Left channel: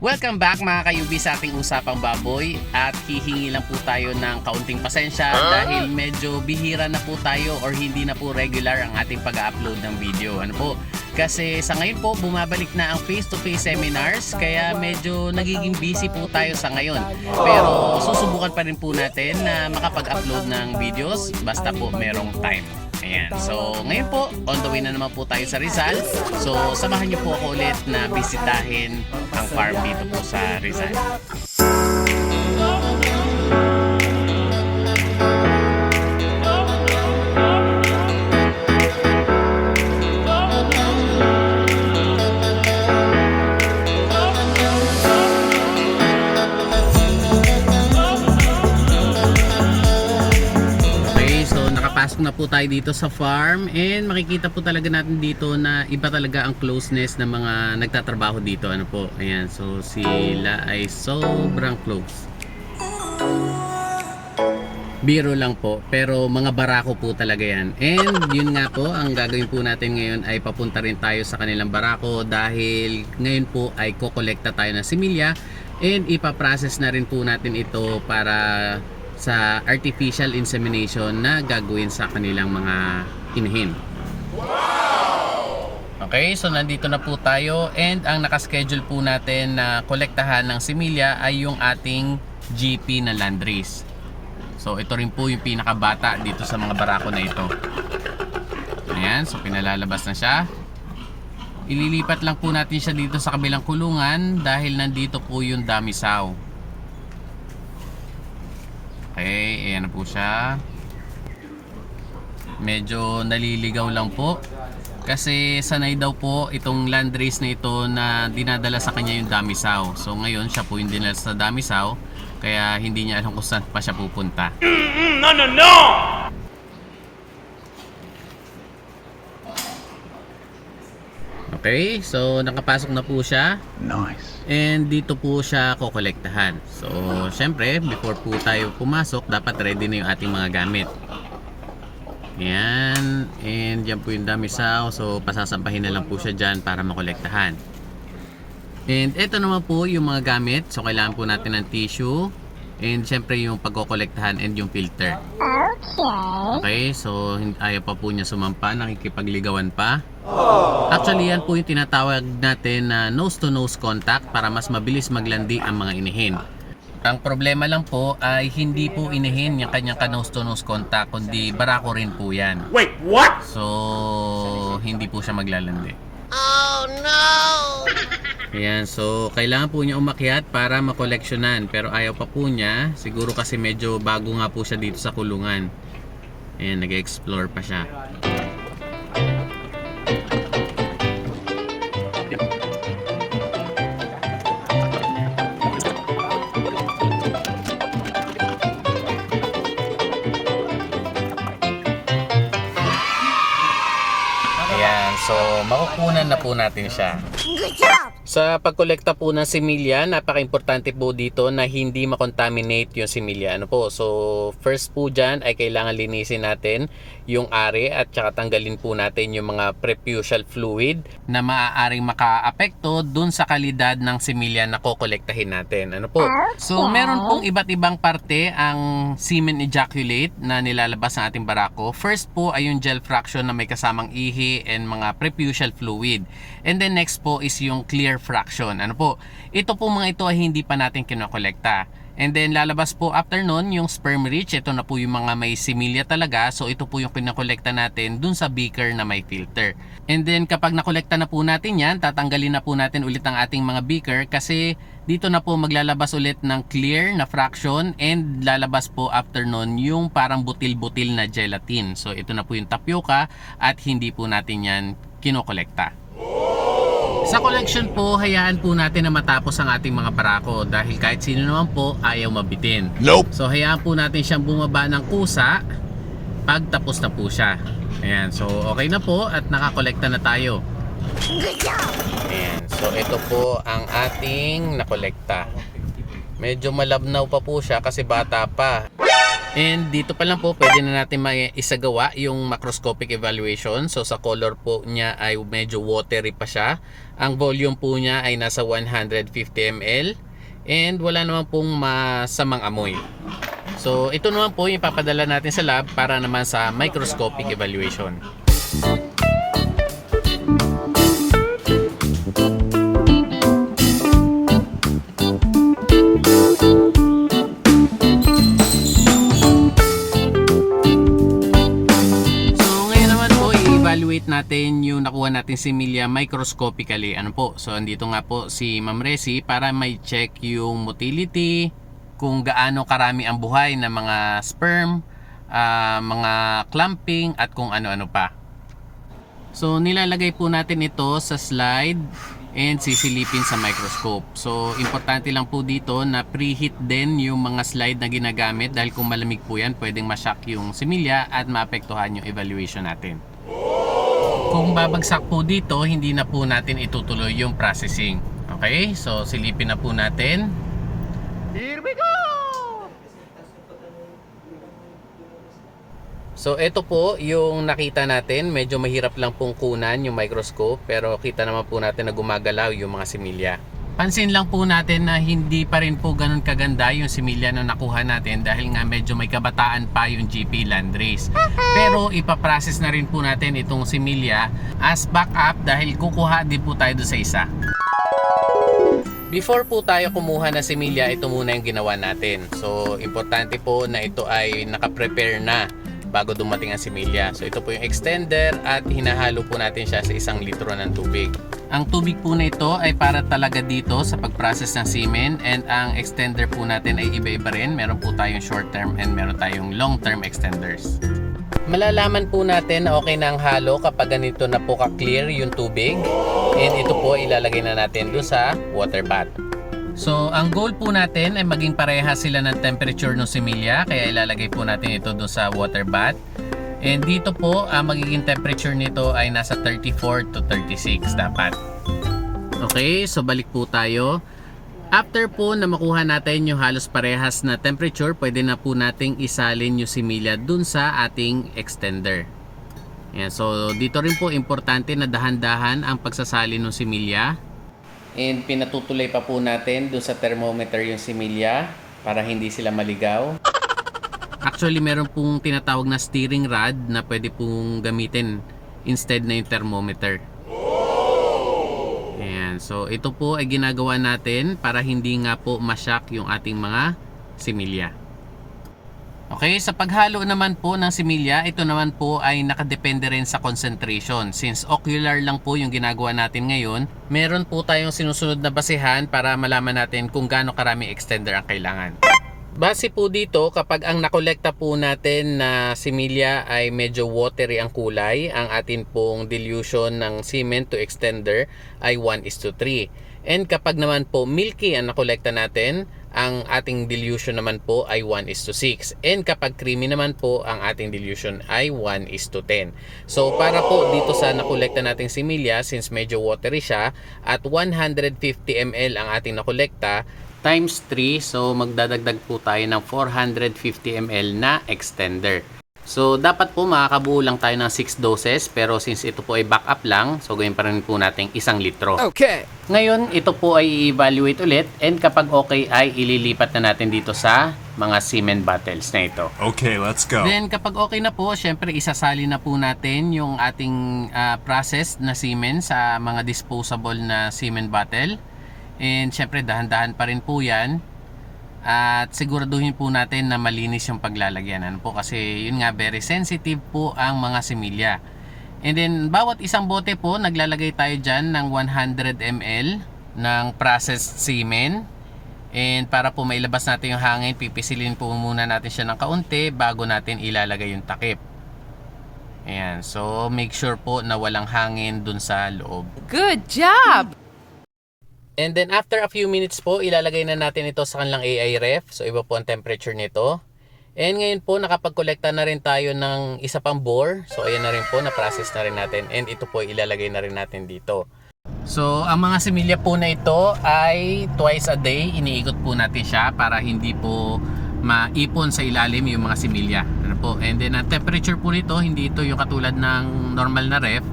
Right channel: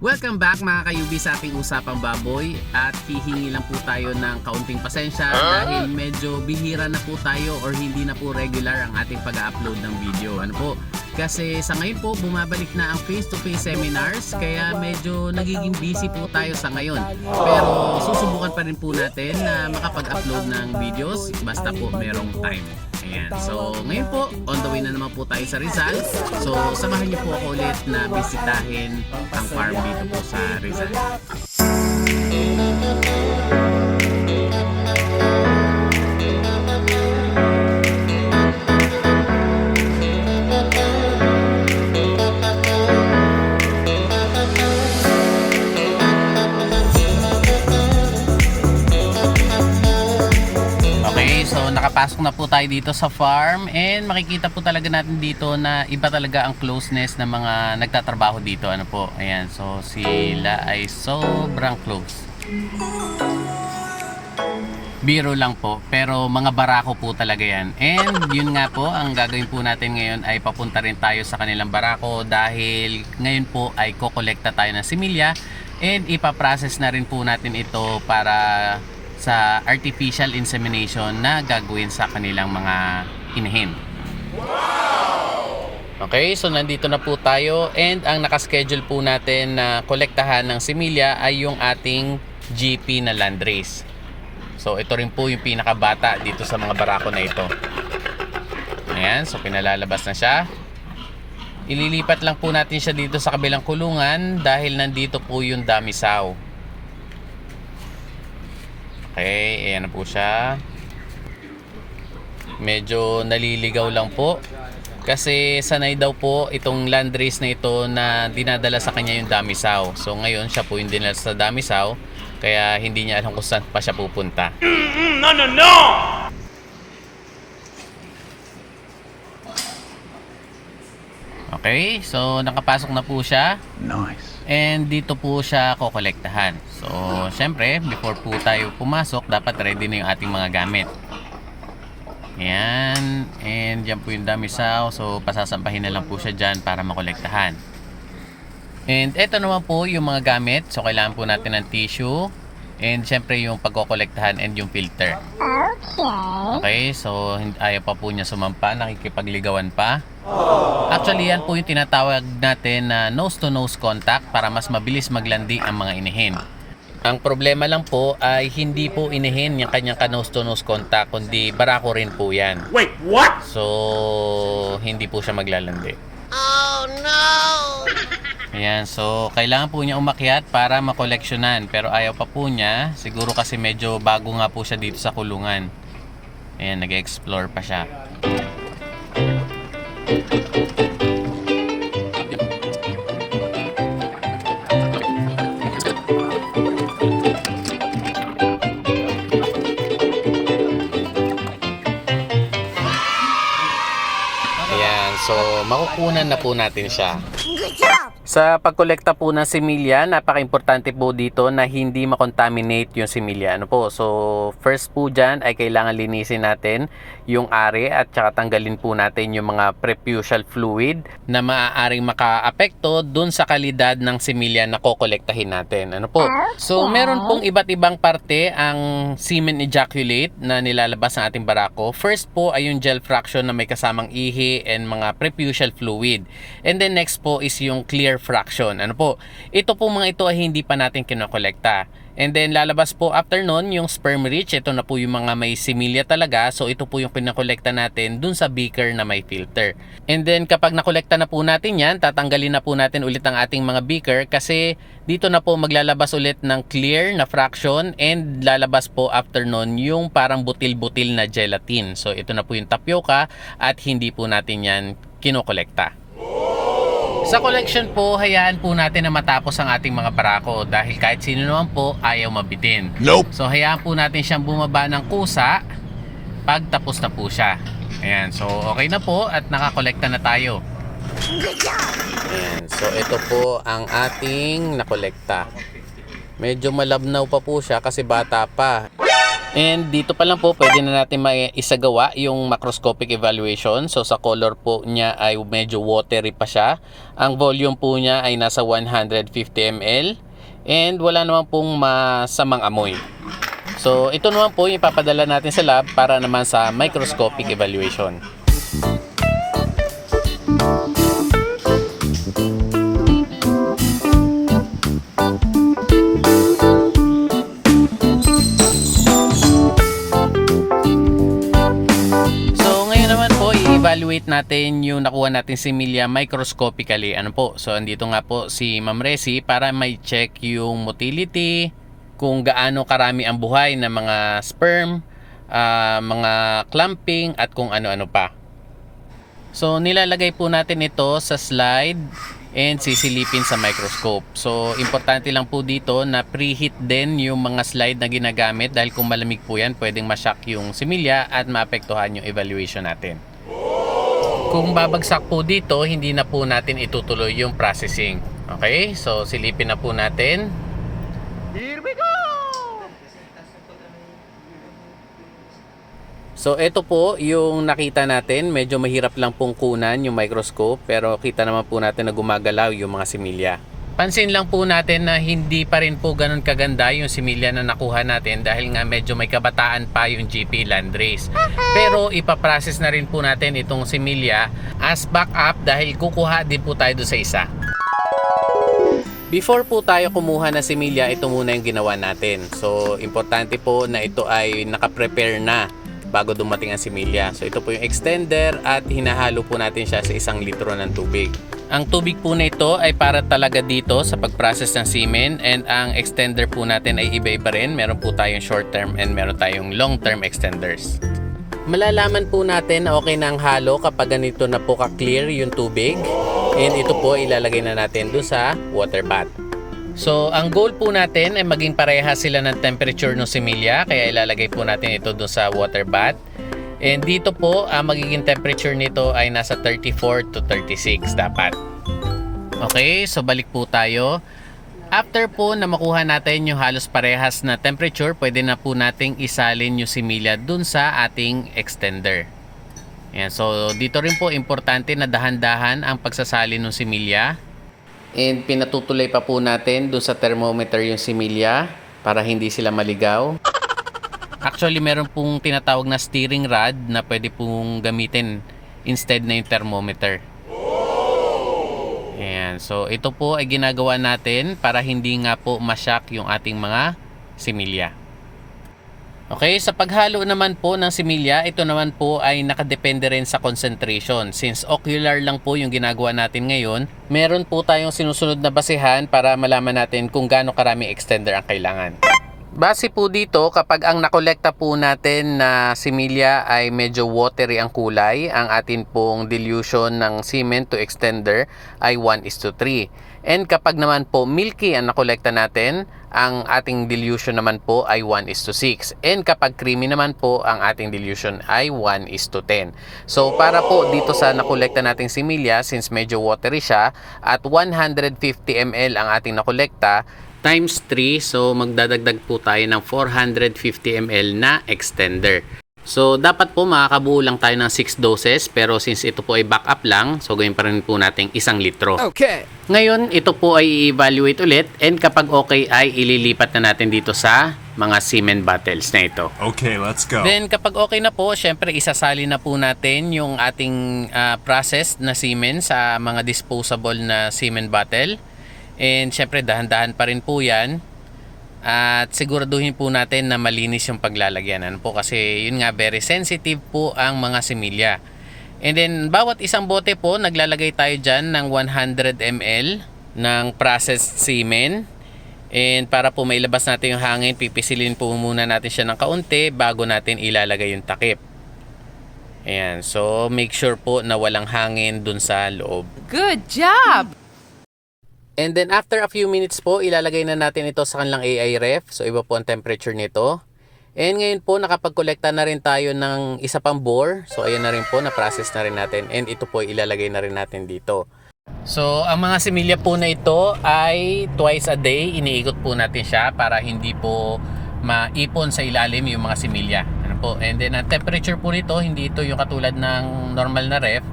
Welcome back mga kayubi sa ating usapang baboy at hihingi lang po tayo ng kaunting pasensya dahil medyo bihira na po tayo or hindi na po regular ang ating pag-upload ng video. Ano po? Kasi sa ngayon po bumabalik na ang face-to-face seminars kaya medyo nagiging busy po tayo sa ngayon. Pero susubukan pa rin po natin na makapag-upload ng videos basta po merong time. Ayan. So, ngayon po, on the way na naman po tayo sa Rizal. So, samahan niyo po ulit na bisitahin ang farm dito po sa Rizal. So nakapasok na po tayo dito sa farm and makikita po talaga natin dito na iba talaga ang closeness ng mga nagtatrabaho dito. Ano po? Ayan, so sila ay sobrang close. Biro lang po, pero mga barako po talaga yan. And yun nga po, ang gagawin po natin ngayon ay papunta rin tayo sa kanilang barako dahil ngayon po ay kokolekta tayo ng similya and ipaprocess na rin po natin ito para sa artificial insemination na gagawin sa kanilang mga inhin. Okay, so nandito na po tayo and ang nakaschedule po natin na kolektahan ng similya ay yung ating GP na landrace. So ito rin po yung pinakabata dito sa mga barako na ito. Ayan, so pinalalabas na siya. Ililipat lang po natin siya dito sa kabilang kulungan dahil nandito po yung damisaw. Okay, ayan na po siya. Medyo naliligaw lang po. Kasi sanay daw po itong landrace na ito na dinadala sa kanya yung damisaw. So ngayon siya po yung dinala sa damisaw. Kaya hindi niya alam kung saan pa siya pupunta. No, no, no! Okay, so nakapasok na po siya. Nice. And dito po siya kokolektahan. So, syempre, before po tayo pumasok, dapat ready na yung ating mga gamit. Ayan. And yan po yung damisaw. So, pasasampahin na lang po siya dyan para makolektahan. And ito naman po yung mga gamit. So, kailangan po natin ng tissue. And syempre yung pagkokolektahan and yung filter. Okay, so ayaw pa po niya sumampa, nakikipagligawan pa. Actually, yan po yung tinatawag natin na nose-to-nose contact para mas mabilis maglandi ang mga inihin. Ang problema lang po ay hindi po inihin yung kanyang ka-nose-to-nose contact, kundi barako rin po yan. Wait, what? So, hindi po siya maglalandi. Oh no! Yan, so kailangan po niya umakyat para makoleksyonan pero ayaw pa po niya. Siguro kasi medyo bago nga po siya dito sa kulungan. Ayan, nag-explore pa siya. Ayan, so makukunan na po natin siya. Good job! Sa pagkolekta po ng similya, napaka-importante po dito na hindi makontaminate yung similya. Ano po? So, first po dyan ay kailangan linisin natin yung ari at saka tanggalin po natin yung mga preputial fluid na maaaring makaapekto dun sa kalidad ng similya na kokolektahin natin. Ano po? So, meron pong iba't ibang parte ang semen ejaculate na nilalabas ng ating barako. First po ay yung gel fraction na may kasamang ihi and mga preputial fluid. And then next po is yung clear fraction. Ano po? Ito po mga ito ay hindi pa natin kinokolekta. And then lalabas po after nun yung sperm rich. Ito na po yung mga may similya talaga. So ito po yung pinakolekta natin dun sa beaker na may filter. And then kapag nakolekta na po natin yan, tatanggalin na po natin ulit ang ating mga beaker kasi dito na po maglalabas ulit ng clear na fraction and lalabas po after nun yung parang butil-butil na gelatin. So ito na po yung tapioca at hindi po natin yan kinokolekta. Sa collection po, hayaan po natin na matapos ang ating mga barako dahil kahit sino naman po ayaw mabitin. Nope. So hayaan po natin siyang bumaba ng kusa pag tapos na po siya. Ayan, so okay na po at nakakolekta na tayo. Good job! Ayan, so ito po ang ating nakolekta. Medyo malabnaw pa po siya kasi bata pa. And dito pa lang po pwede na natin ma- isagawa yung macroscopic evaluation. So sa color po niya ay medyo watery pa siya. Ang volume po niya ay nasa 150 ml and wala naman pong masamang amoy. So ito naman po yung ipapadala natin sa lab para naman sa microscopic evaluation. Natin si Milia microscopically. Ano po? So andito nga po si Ma'am Resi para may check yung motility, kung gaano karami ang buhay ng mga sperm, ah, mga clumping at kung ano-ano pa. So nilalagay po natin ito sa slide and sisilipin sa microscope. So importante lang po dito na preheat din yung mga slide na ginagamit dahil kung malamig po yan pwedeng mashock yung similya at maapektuhan yung evaluation natin. Kung babagsak po dito, hindi na po natin itutuloy yung processing. Okay? So silipin na po natin. Here we go! So ito po yung nakita natin, medyo mahirap lang pong kunan yung microscope pero kita naman po natin na gumagalaw yung mga similya. Pansin lang po natin na hindi pa rin po ganun kaganda yung similya na nakuha natin dahil nga medyo may kabataan pa yung GP Landrace. Pero ipaprocess na rin po natin itong similya as backup dahil kukuha din po tayo sa isa. Before po tayo kumuha ng similya, ito muna yung ginawa natin. So, importante po na ito ay nakaprepare na bago dumating ang similya. So, ito po yung extender at hinahalo po natin siya sa isang litro ng tubig. Ang tubig po na ito ay para talaga dito sa pag-process ng semen and ang extender po natin ay iba-iba rin. Meron po tayong short term and meron tayong long term extenders. Malalaman po natin na okay na ang halo kapag ganito na po ka-clear yung tubig. And ito po ilalagay na natin doon sa water bath. So, ang goal po natin ay maging pareha sila ng temperature ng similya. Kaya ilalagay po natin ito doon sa water bath. And dito po, ang magiging temperature nito ay nasa 34 to 36 dapat. Okay, so balik po tayo. After po na makuha natin yung halos parehas na temperature, pwede na po nating isalin yung similya dun sa ating extender. Yan, so dito rin po importante na dahan-dahan ang pagsasalin ng similya. And pinatutuloy pa po natin dun sa thermometer yung similya para hindi sila maligaw. Actually, meron pong tinatawag na steering rod na pwede pong gamitin instead na yung thermometer. Ayan. So, ito po ay ginagawa natin para hindi nga po mashock yung ating mga similya. Okay, sa paghalo naman po ng similya, ito naman po ay nakadepende rin sa concentration. Since ocular lang po yung ginagawa natin ngayon, meron po tayong sinusunod na basehan para malaman natin kung gaano karami extender ang kailangan. Base po dito, kapag ang nakolekta po natin na similya ay medyo watery ang kulay, ang atin pong dilution ng semen to extender ay 1 is to 3. And kapag naman po milky ang nakolekta natin, ang ating dilution naman po ay 1 is to 6. And kapag creamy naman po, ang ating dilution ay 1 is to 10. So para po dito sa nakolekta nating similya, since medyo watery siya, at 150 ml ang ating nakolekta, times 3 so magdadagdag po tayo ng 450 ml na extender. So dapat po makakabuo lang tayo ng 6 doses pero since ito po ay backup lang so gawin pa rin po natin isang litro. Okay. Ngayon ito po ay i-evaluate ulit and kapag okay ay ililipat na natin dito sa mga semen bottles na ito. Okay, let's go. Then kapag okay na po, syempre isasali na po natin yung ating ah, processed na semen sa mga disposable na semen bottle. And syempre dahan-dahan pa rin po yan. At siguraduhin po natin na malinis yung paglalagyan. Ano po kasi yun nga very sensitive po ang mga similya. And then bawat isang bote po naglalagay tayo dyan ng 100 ml ng processed semen. And para po mailabas natin yung hangin, pipisilin po muna natin siya ng kaunti bago natin ilalagay yung takip. Ayan, so make sure po na walang hangin dun sa loob. Good job. And then after a few minutes po, ilalagay na natin ito sa kanilang AI ref. So iba po ang temperature nito. And ngayon po, nakapag-collecta na rin tayo ng isa pang bore. So ayan na rin po, na-process na rin natin. And ito po, ilalagay na rin natin dito. So ang mga similya po na ito ay twice a day, iniikot po natin siya para hindi po maipon sa ilalim yung mga similya. Ano po? And then ang temperature po nito, hindi ito yung katulad ng normal na ref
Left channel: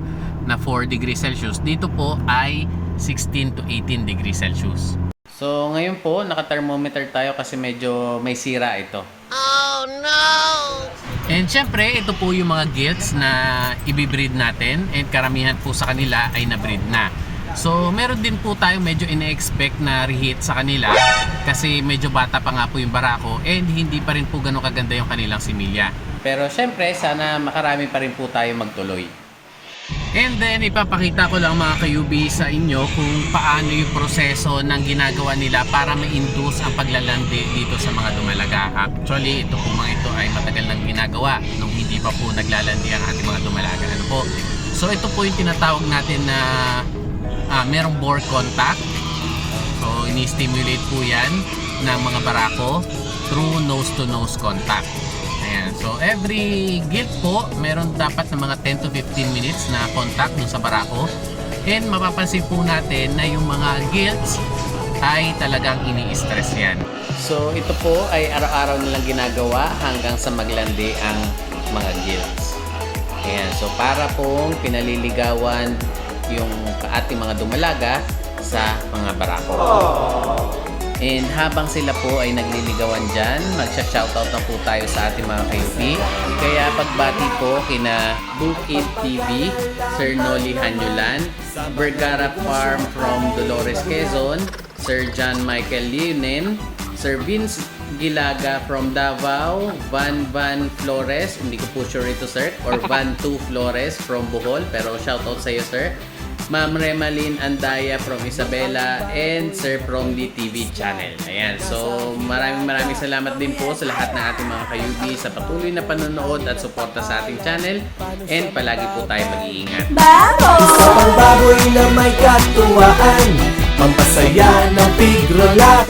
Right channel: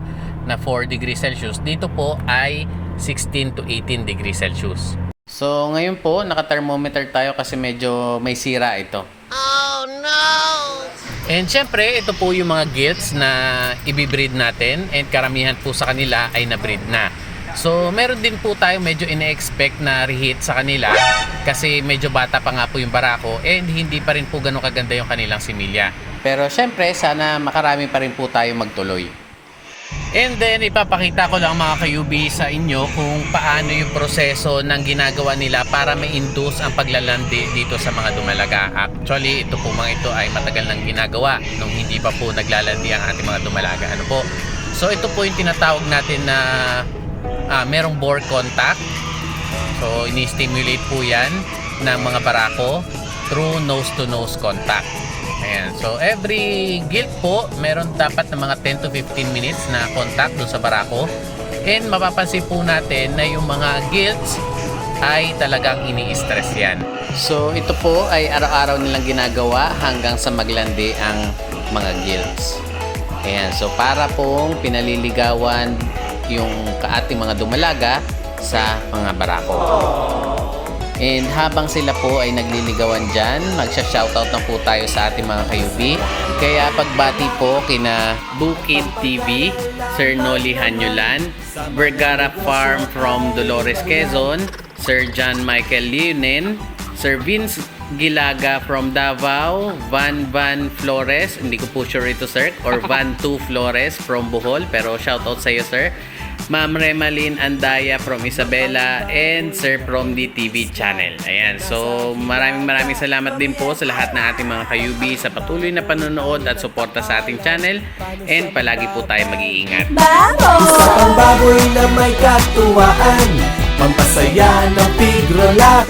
na 4 degrees Celsius. Dito po ay 16 to 18 degrees Celsius. So ngayon po, naka-thermometer tayo kasi medyo may sira ito. Oh no! And syempre, ito po yung mga gilts na ibibreed natin and karamihan po sa kanila ay na-breed na. So, meron din po tayo medyo ine-expect na reheat sa kanila kasi medyo bata pa nga po yung barako and hindi pa rin po ganun kaganda yung kanilang similya. Pero syempre, sana makarami pa rin po tayo magtuloy. And then ipapakita ko lang mga kayubi sa inyo kung paano yung proseso ng ginagawa nila para ma-induce ang paglalandi dito sa mga dumalaga. Actually, ito po mga ito ay matagal nang ginagawa nung hindi pa po naglalandi ang ating mga dumalaga. Ano po? So ito po yung tinatawag natin na ah, merong bore contact. So ini-stimulate po yan ng mga barako through nose-to-nose contact. Ayan. So, every guilt po, meron dapat na mga 10 to 15 minutes na contact doon sa barako. And mapapansin po natin na yung mga guilts ay talagang ini-stress yan. So, ito po ay araw-araw nilang ginagawa hanggang sa maglandi ang mga guilts. Ayan. So, para pong pinaliligawan yung kaating mga dumalaga sa mga barako. And habang sila po ay nagliligawan dyan, magsha-shoutout na po tayo sa ating mga kayubi. Kaya pagbati po kina Bukid TV, Sir Noli Hanyulan, Vergara Farm from Dolores Quezon, Sir John Michael Leonen, Sir Vince Gilaga from Davao, Van Van Flores, hindi ko po sure ito sir, or Van 2 Flores from Bohol, pero shoutout sa iyo sir. Ma'am Remalyn Andaya from Isabela and Sir from the TV channel. Ayan. So, maraming maraming salamat din po sa lahat ng ating mga kayubi sa patuloy na panonood at suporta sa ating channel. And palagi po tayo mag-iingat. Isa pang baboy na may katuwaan Pampasaya ng pigrolak